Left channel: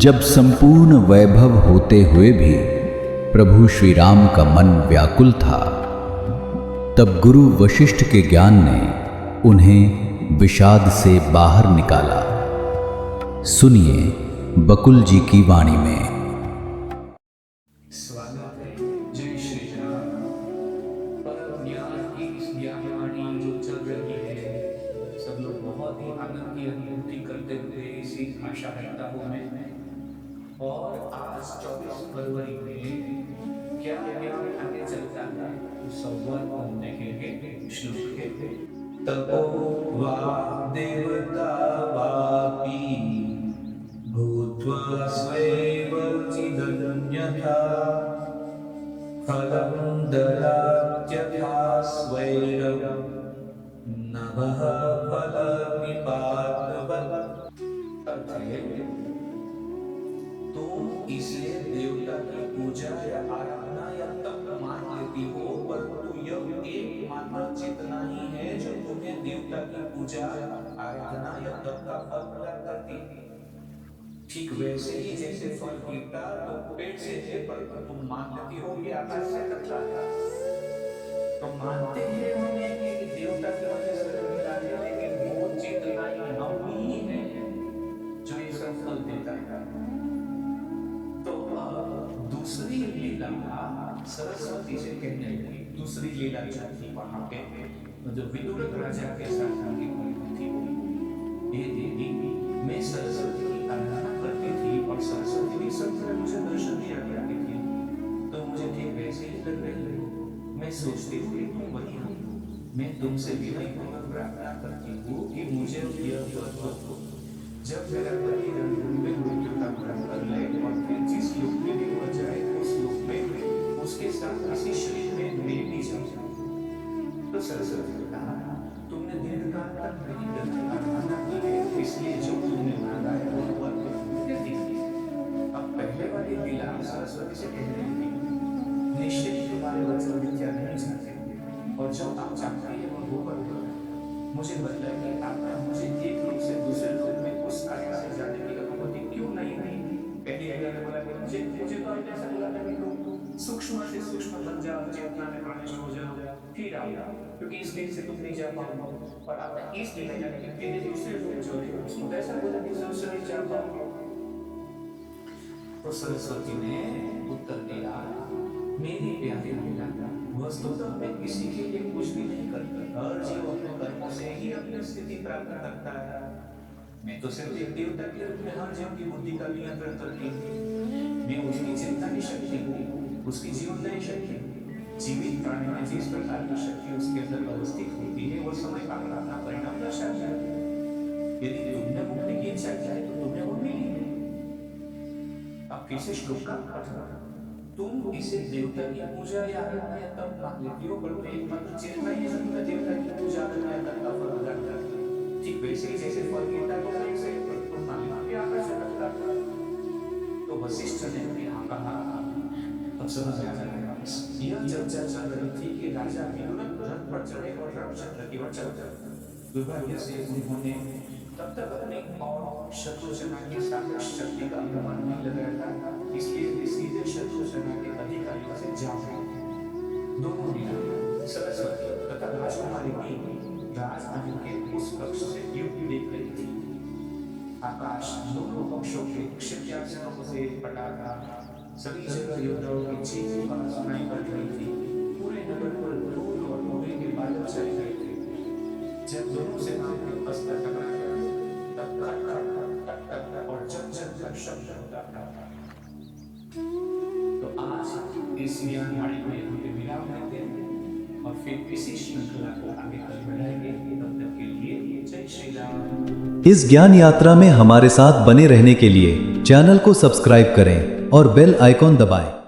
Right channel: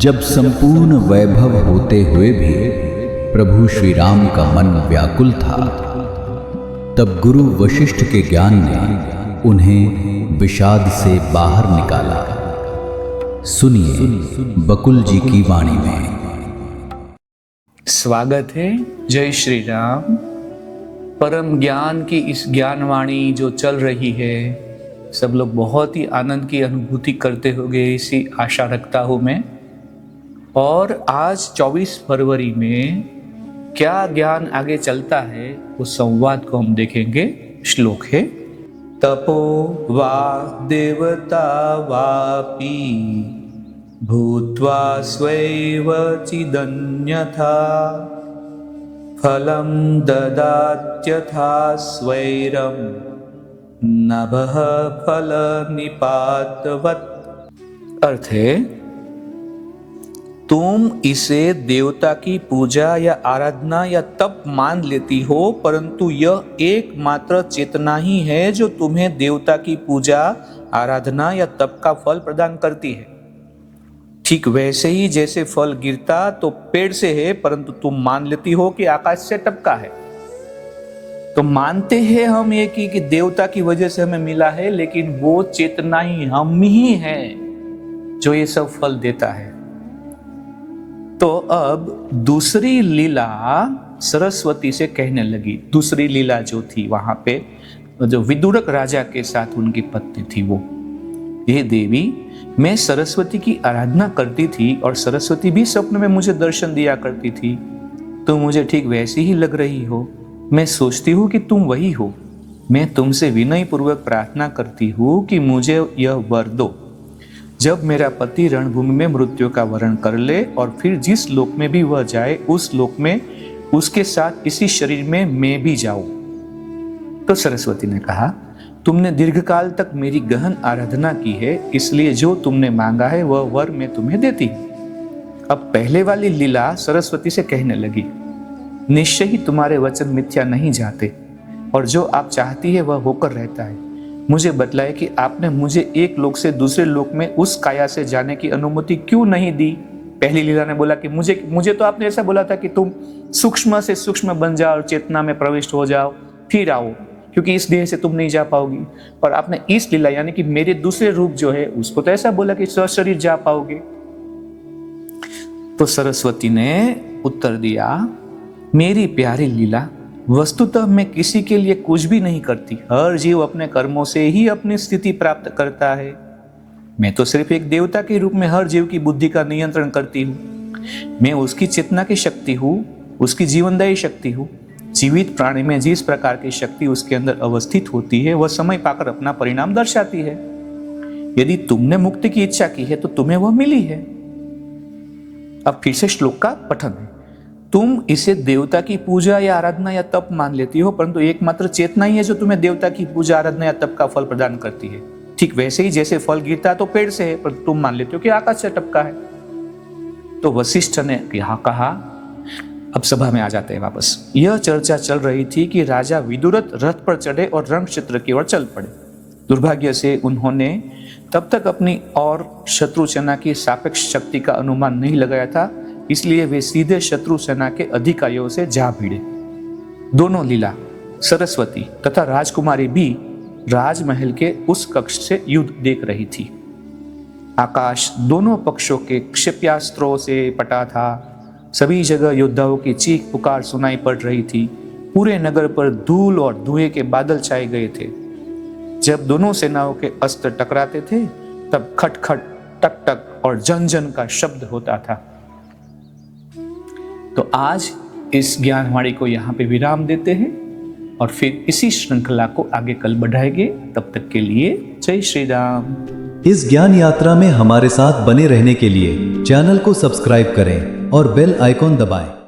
जब संपूर्ण वैभव होते हुए भी प्रभु श्री राम का मन व्याकुल था, तब गुरु वशिष्ठ के ज्ञान ने उन्हें विषाद से बाहर निकाला। सुनिए बकुल जी की वाणी में। स्वागत है। जय श्री राम। परम ज्ञान की इस ज्ञान वाणी जो चल रही है, सब लोग बहुत ही आनंद की अनुभूति करते होंगे, इसी आशा रखता हूँ मैं। और आज 24 फरवरी में क्या ज्ञान आगे चलता है उस संवाद को हम देखेंगे। श्लोक है, तपो वा देवता वापि भूत्वा स्वैव चिदन्यथा फलं ददात्यथा स्वैरं नभः फलनिपातवत्। अर्थ है, तुम इसे देवता की पूजा या आराधना या तप मान लेती हो, परंतु यह एकमात्र चेतना ही है जो तुम्हें देवता की पूजा, आराधना या तप का फल प्रदान करती है। ठीक वैसे ही जैसे फल गिरता तो पेड़ से है, परंतु तुम मान लेती हो कि आकाश से टपका है। तो मानते हैं हम ये कि देवता की वजह से हमें मिला है, लेकिन वो चेतना ही हम ही है जो ये सब फल देता है। तो अब दूसरी लीला सरस्वती से कहने लगी। दूसरी लीला जो थी वहां पे, जो विदुरक राजा के साथ उनकी पत्नी थी, वो ये देवी, मैं सरस्वती की आराधना करती थी और सरस्वती भी स्वप्न में मुझे दर्शन दिया करती थी। तुम मुझे ठीक वैसी ही लग रही हो। मैं सोचती हूँ कि तुम वही हो। मैं तुमसे विनय पूर्वक प्रार्थना करती हूँ कि मुझे यह वर दो, जब मेरा पति रणभूमि में मृत्यु का वरण कर ले और फिर जिस लोक में भी वह जाए, उस लोक में उसके साथ इसी शरीर में मैं भी जाऊं। तो सरस्वती ने कहा, तुमने दीर्घकाल तक मेरी गहन आराधना की है, इसलिए जो तुमने मांगा है वह वर मैं तुम्हें देती हूं। अब पहले वाली लीला सरस्वती से कहने लगी, निश्चय ही तुम्हारे वचन मिथ्या नहीं जाते और जो आप चाहती है वह होकर रहता है। मुझे बतलाए कि आपने मुझे एक लोक से दूसरे लोक में उस काया से जाने की अनुमति क्यों नहीं दी। पहली लीला ने बोला कि मुझे तो आपने ऐसा बोला था कि तुम सूक्ष्म से सूक्ष्म बन जाओ और चेतना में प्रविष्ट हो जाओ, फिर आओ, क्योंकि इस देह से तुम नहीं जा पाओगी। पर आपने इस लीला यानी कि मेरे दूसरे रूप जो है उसको तो ऐसा बोला कि सशरीर जा पाओगे। तो सरस्वती ने उत्तर दिया, मेरी प्यारी लीला, वस्तुतः मैं किसी के लिए कुछ भी नहीं करती। हर जीव अपने कर्मों से ही अपनी स्थिति प्राप्त करता है। मैं तो सिर्फ एक देवता के रूप में हर जीव की बुद्धि का नियंत्रण करती हूँ। मैं उसकी चेतना की शक्ति हूँ, उसकी जीवनदायी शक्ति हूँ। जीवित प्राणी में जिस प्रकार की शक्ति उसके अंदर अवस्थित होती है, वह समय पाकर अपना परिणाम दर्शाती है। यदि तुमने मुक्ति की इच्छा की है तो तुम्हें वह मिली है। अब फिर से श्लोक का पठन है। तुम इसे देवता की पूजा या आराधना या तप मान लेती हो, परंतु एकमात्र चेतना ही है जो तुम्हें देवता की पूजा, आराधना या तप का फल प्रदान करती है। ठीक वैसे ही जैसे फल गिरता तो पेड़ से है, पर तुम मान लेते हो कि आकाश से टपका है। तो वशिष्ठ ने यहाँ कहा। अब सभा में आ जाते हैं वापस। यह चर्चा चल रही थी कि राजा विदुरथ रथ पर चढ़े और रण क्षेत्र की ओर चल पड़े। दुर्भाग्य से उन्होंने तब तक अपनी और शत्रु सेना की सापेक्ष शक्ति का अनुमान नहीं लगाया था, इसलिए वे सीधे शत्रु सेना के अधिकारियों से जा भिड़े। दोनों लीला, सरस्वती तथा राजकुमारी भी राजमहल के उस कक्ष से युद्ध देख रही थी। आकाश दोनों पक्षों के क्षेप्यास्त्रों से पटा था। सभी जगह योद्धाओं की चीख पुकार सुनाई पड़ रही थी। पूरे नगर पर धूल और धुएं के बादल छाए गए थे। जब दोनों सेनाओं के अस्त्र टकराते थे, तब खट खट, टक टक और जन जन का शब्द होता था। तो आज इस ज्ञानवाणी को यहाँ पे विराम देते हैं और फिर इसी श्रृंखला को आगे कल बढ़ाएंगे। तब तक के लिए जय श्री राम। इस ज्ञान यात्रा में हमारे साथ बने रहने के लिए चैनल को सब्सक्राइब करें और बेल आइकॉन दबाएं।